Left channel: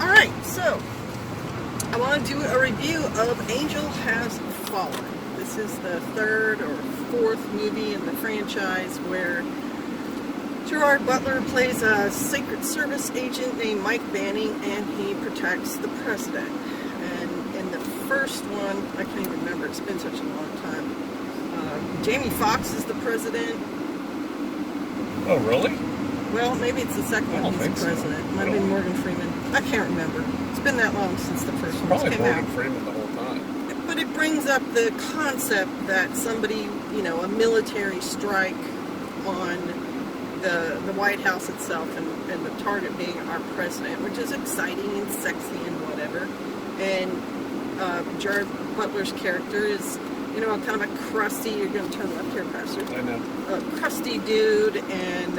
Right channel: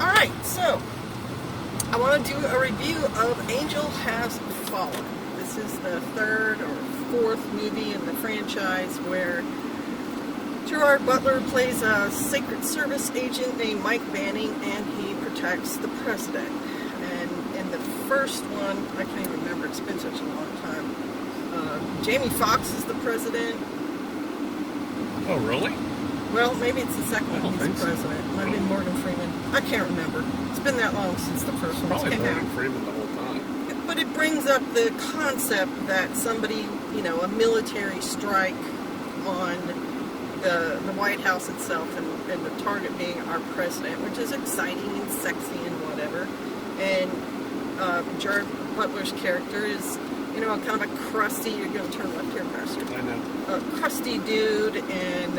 Alright, so I want to do a review of Angel Has Fallen. This is the third or fourth movie in the franchise where Gerard Butler plays a Secret Service agent named Mike Banning, and he protects the president. And in the first one, I can't even remember, it's been such a long time, Jamie Foxx is the president. Oh, really? Well, maybe it's the second one he's the president. It might be Morgan Freeman. I can't remember. It's been that long since the first one Probably came Morgan out. Freeman the whole time. But it brings up the concept that somebody, a military strike on the White House itself, and the target being our president, which is exciting and sexy and whatever. And Gerard Butler's character is, kind of a crusty, you're going to turn left here, bastard. I know. A crusty dude, and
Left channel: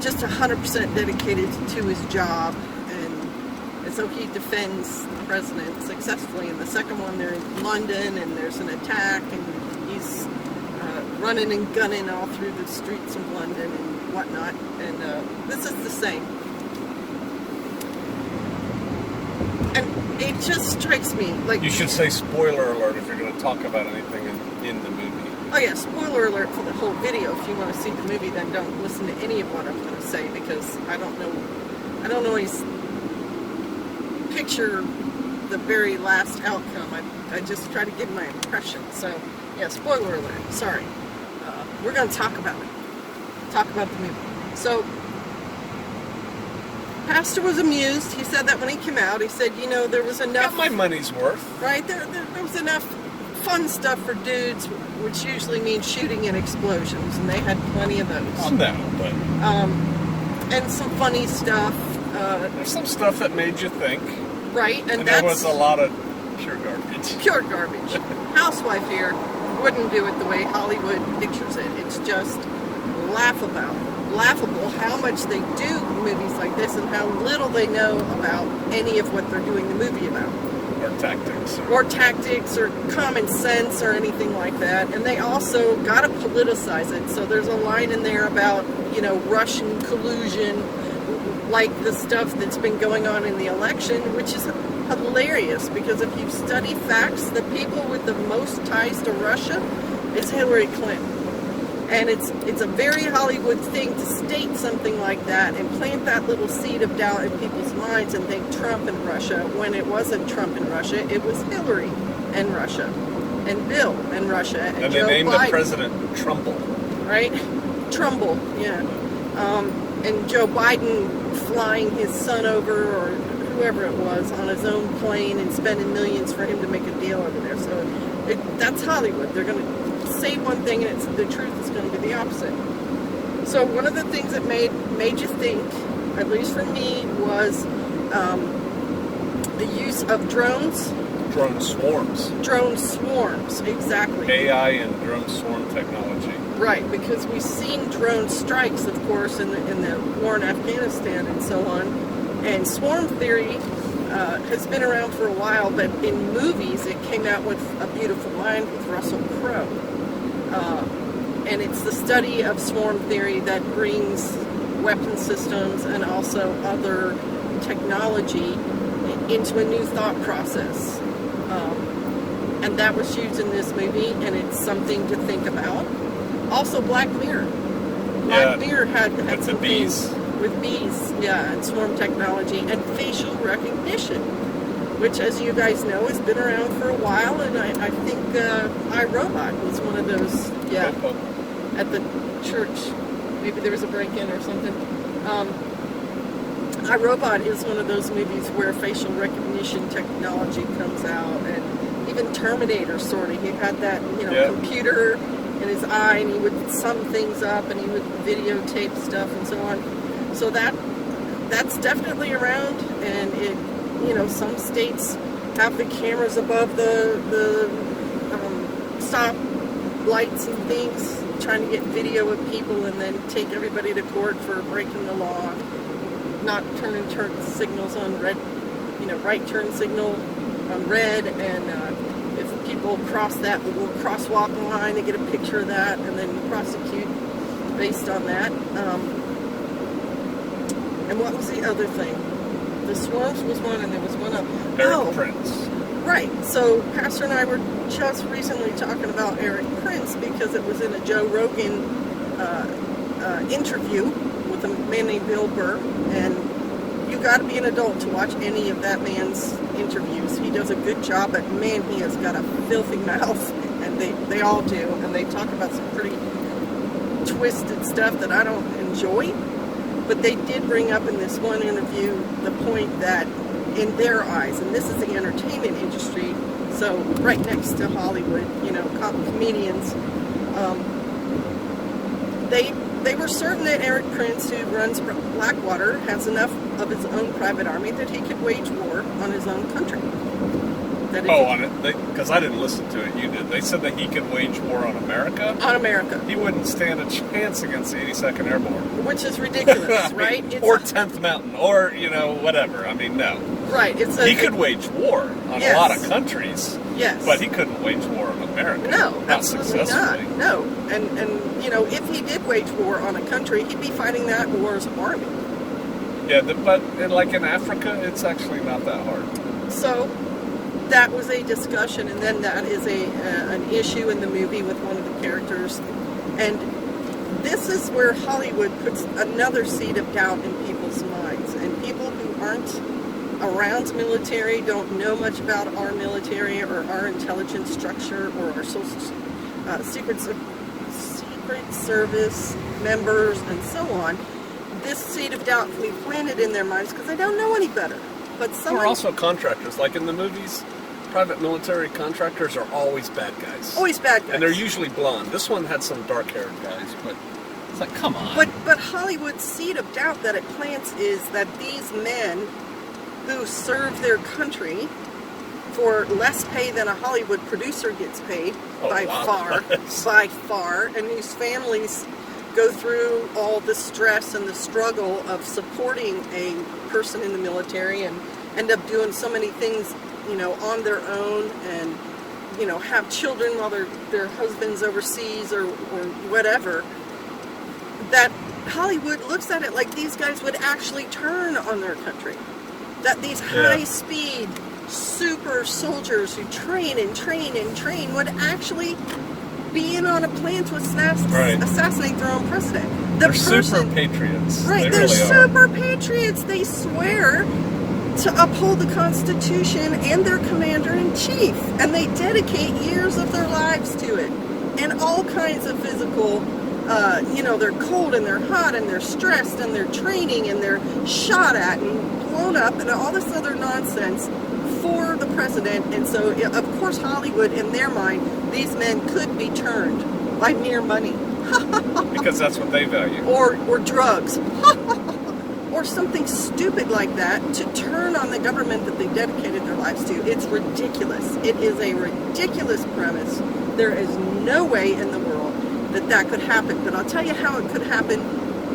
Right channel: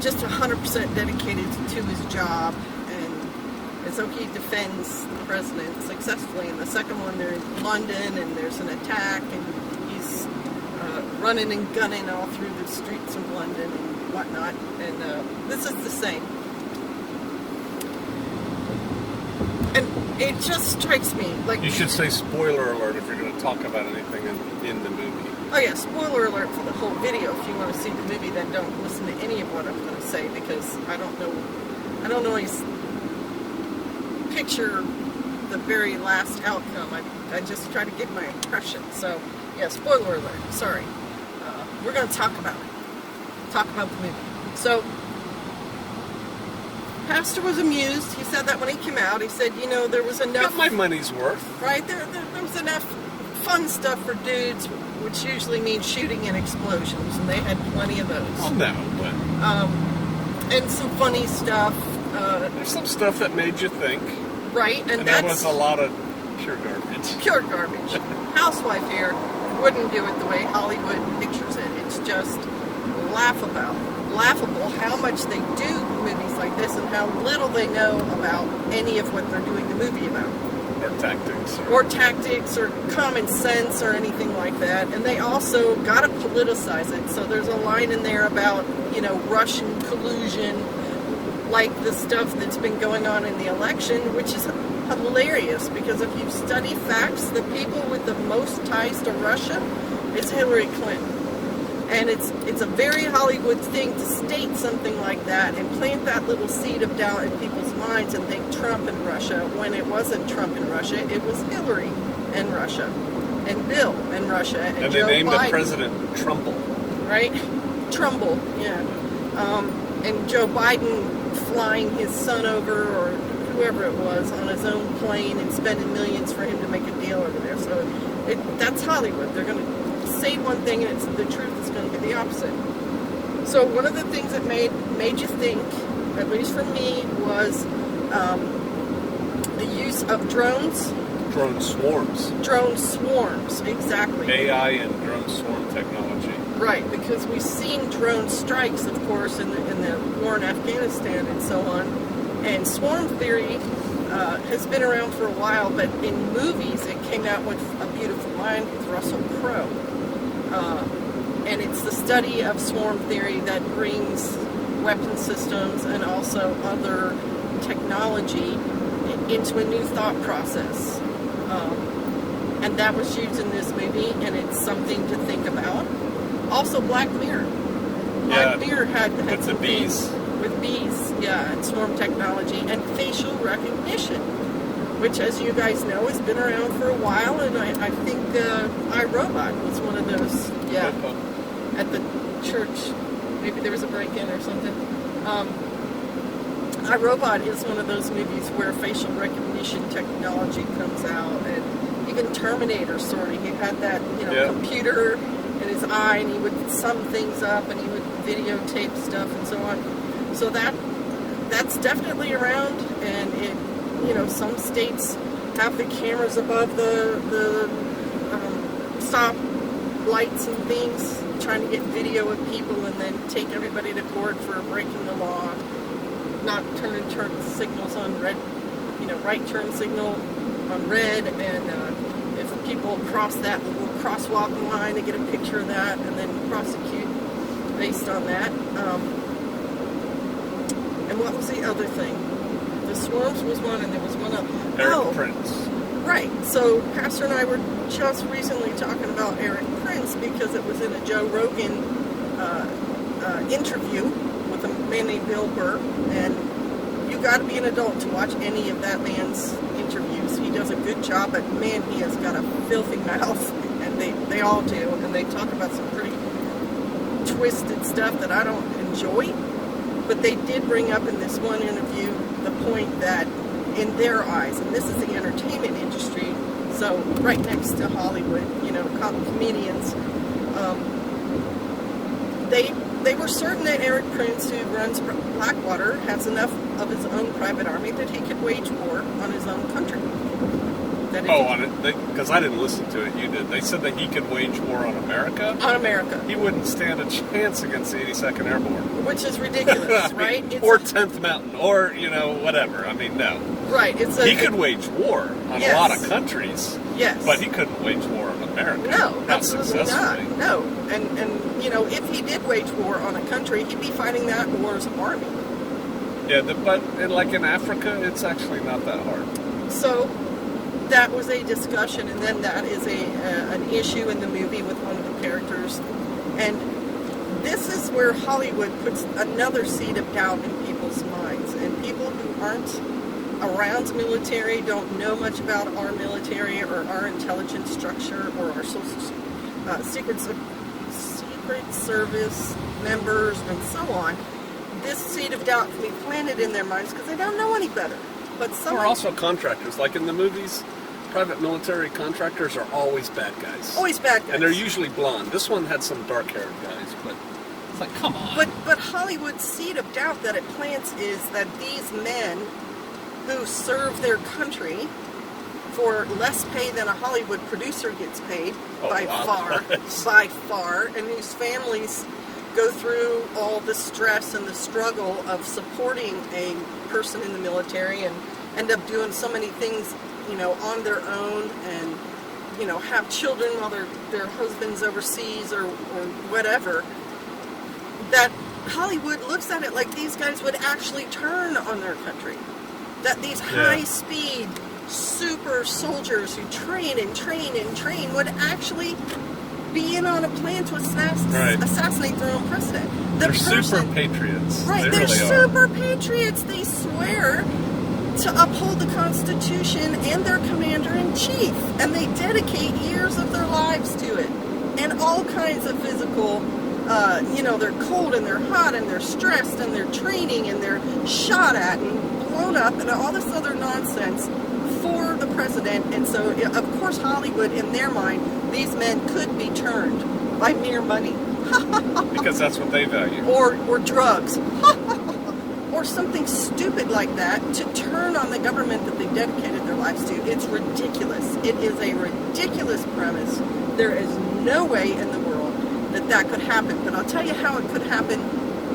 just 100% dedicated to his job, and so he defends the president successfully. In the second one, they're in London, and there's an attack, and he's running and gunning all through the streets of London and whatnot, and this is the same. And it just strikes me like... You should say spoiler alert if you're going to talk about anything in the movie. Oh yeah, spoiler alert for the whole video. If you want to see the movie, then don't listen to any of what I'm going to say, because I don't always picture the very last outcome. I just try to give my impression. So yeah, spoiler alert. Sorry. We're going to talk about it. Talk about the movie. So Pastor was amused. He said that when he came out. He said, there was enough... Got my money's worth. Right? There was enough fun stuff for dudes, which usually means shooting and explosions, and they had plenty of those. Oh, no, but... and some funny stuff. There's some stuff that made you think. Right, and there was a lot of pure garbage. Pure garbage. Housewife here wouldn't do it the way Hollywood pictures it. It's just laughable how much they do movies like this and how little they know about any of what they're doing the movie about. Or tactics or common sense or anything like that. And they also got to politicize it. So there's a line in there about, Russian collusion, like the stuff that's been going on in the election, which is hilarious, because if you study facts, the people with the most ties to Russia is Hillary Clinton. And it's a very Hollywood thing to state something like that and plant that little seed of doubt in people's minds and think Trump and Russia, when it wasn't Trump and Russia, it was Hillary and Russia, and Bill and Russia, and they Joe named Biden. the president Trumbull. Right? Trumbull, yeah. And Joe Biden flying his son over, or whoever it was, on his own plane and spending millions for him to make a deal over there. So that's Hollywood. They're going to say one thing and the truth is going to be the opposite. So one of the things that made you think, at least for me, was the use of drones. Drone swarms. Drone swarms, exactly. AI and drone swarm technology. Right, because we've seen drone strikes, of course, in the war in Afghanistan and so on. And swarm theory has been around for a while, but in movies it came out with a beautiful line with Russell Crowe. And it's the study of swarm theory that brings weapon systems and also other technology into a new thought process. And that was used in this movie, and it's something to think about. Also, Black Mirror. Black Mirror had some things with bees, and swarm technology, and facial recognition, which, as you guys know, has been around for a while, and I think iRobot was one of those, at the church. Maybe there was a break-in or something. iRobot is one of those movies where facial recognition technology comes out, and even Terminator, sort of. He had that, computer in his eye, and he would sum things up, and he would videotape stuff and so on. So that's definitely around, and it, some states have the cameras above the stop lights and things, trying to get video of people and then take everybody to court for breaking the law, not turning turn signals on red, right turn signal on red, and if people cross that little crosswalk line, to get a picture of that and then prosecute based on that. And what was the other thing? the Swarms was one, and there was one of Eric Prince. Right. So Pastor and I were just recently talking about Eric Prince because it was in a Joe Rogan interview with a man named Bill Burr, and you got to be an adult to watch any of that man's interviews. He does a good job, but man, he has got a filthy mouth, and they all do, and they talk about some pretty twisted stuff that I don't enjoy. But they did bring up in this one interview the point that in their eyes, and this is the entertainment industry, so right next to Hollywood, comedians, they were certain that Eric Prince, who runs Blackwater, has enough of his own private army that he could wage war on his own country. Because I didn't listen to it, you did. They said that he could wage war on America? On America. He wouldn't stand a chance against the 82nd Airborne. Which is ridiculous, right? Or 10th Mountain, or, whatever. I mean, no. Right. He could wage war on a lot of countries. Yes. But he couldn't wage war on America. No, not absolutely successfully. not. No. And if he did wage war on a country, he'd be fighting that war's army. Yeah, but in Africa, it's actually not that hard. So that was a discussion, and then that is an issue in the movie with one of the characters. And this is where Hollywood puts another seed of doubt in people's minds. And people who aren't around the military, don't know much about our military or our intelligence structure or our Secret Service members and so on, this seed of doubt can be planted in their minds because they don't know any better. But We're also contractors. Like in the movies, private military contractors are always bad guys. Always bad guys. And they're usually blonde. This one had some dark-haired guys, but it's like, come on. But Hollywood's seed of doubt that it plants is that these men who serve their country for less pay than a Hollywood producer gets paid, by far, and whose families go through all the stress and the struggle of supporting a person in the military and end up doing so many things, on their own, and, have children while their husband's overseas or whatever, that Hollywood looks at it like these guys would actually turn on their country. That these high-speed super soldiers who train and train and train would actually be in on a plan to assassinate their own president. They're super patriots. Right, they're really super patriots. They swear to uphold the Constitution and their commander-in-chief. And they dedicate years of their lives to it. And all kinds of physical, they're cold and they're hot and they're stressed and they're training and they're shot at and blown up and all this other nonsense for the president. And so, of course, Hollywood, in their mind, these men could be turned by mere money. Because that's what they value. Or drugs. Or something stupid like that to turn on the government that they dedicated their lives to. It's ridiculous. It is a ridiculous premise. There is no way in the world that could happen. But I'll tell you how it could happen.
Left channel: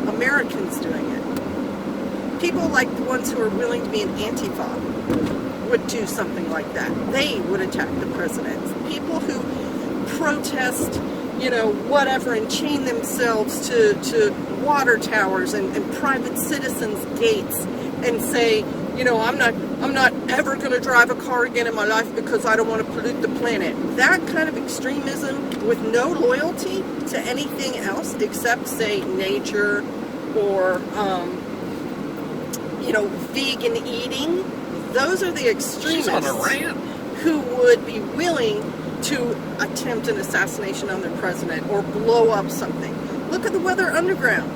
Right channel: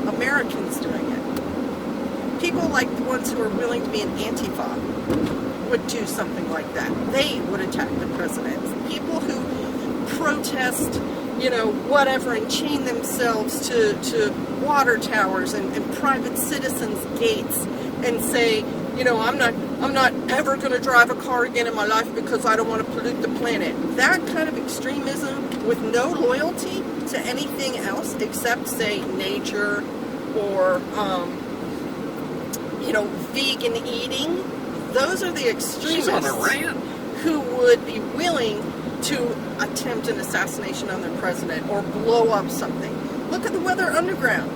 Americans doing it. People like the ones who are willing to be an Antifa would do something like that. They would attack the president. People who protest, whatever, and chain themselves to water towers and private citizens' gates and say, I'm not ever going to drive a car again in my life because I don't want to pollute the planet. That kind of extremism with no loyalty to anything else except, say, nature or, vegan eating. Those are the extremists. She's on a rant. Who would be willing to attempt an assassination on the president or blow up something. Look at the Weather Underground.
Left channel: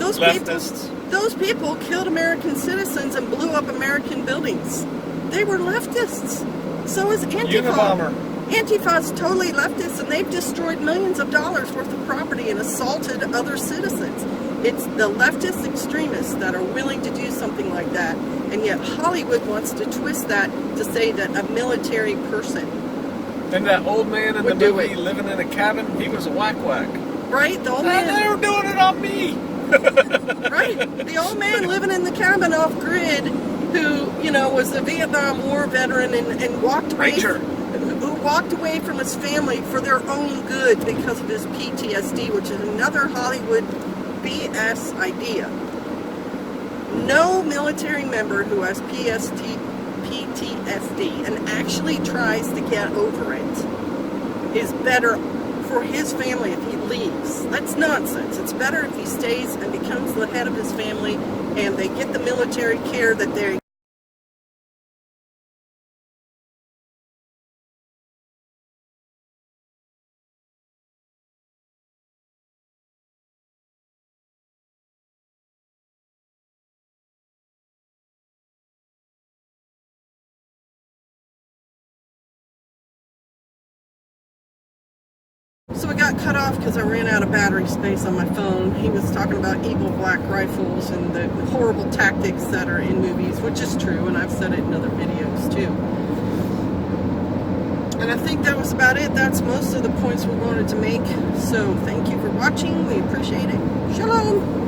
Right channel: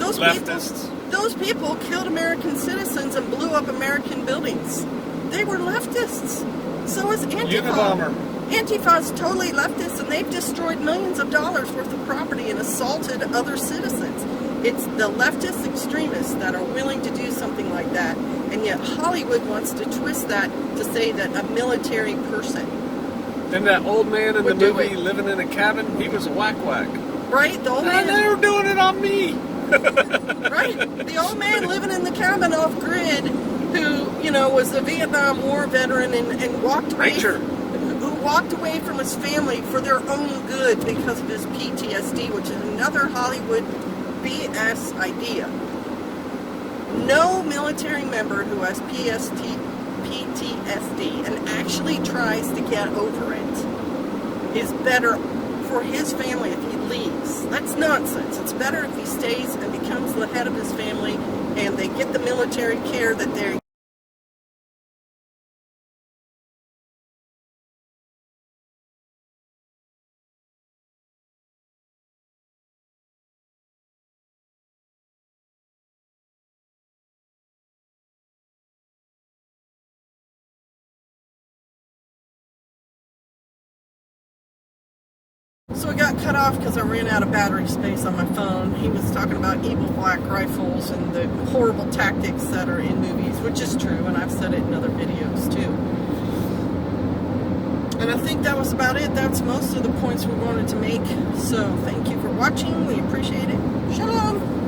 Those people killed American citizens and blew up American buildings. They were leftists. So is Antifa. Antifa's totally leftist, and they've destroyed millions of dollars worth of property and assaulted other citizens. It's the leftist extremists that are willing to do something like that, and yet Hollywood wants to twist that to say that a military person. And that old man in the movie living in a cabin, he was a whack-whack. Right? The old man. They were doing it on me. Right. The old man living in the cabin off grid who, was a Vietnam War veteran and walked away. Who walked away from his family for their own good because of his PTSD, which is another Hollywood BS idea. No military member who has PTSD and actually tries to get over it is better for his family if he leaves. That's nonsense. It's better if he stays and becomes the head of his family and they get the military care that they're So we got cut off because I ran out of battery space on my phone. He was talking about evil black rifles and the horrible tactics that are in movies, which is true, and I've said it in other videos too. And I think that was about it. That's most of the points we wanted to make. So thank you for watching. We appreciate it. Shalom!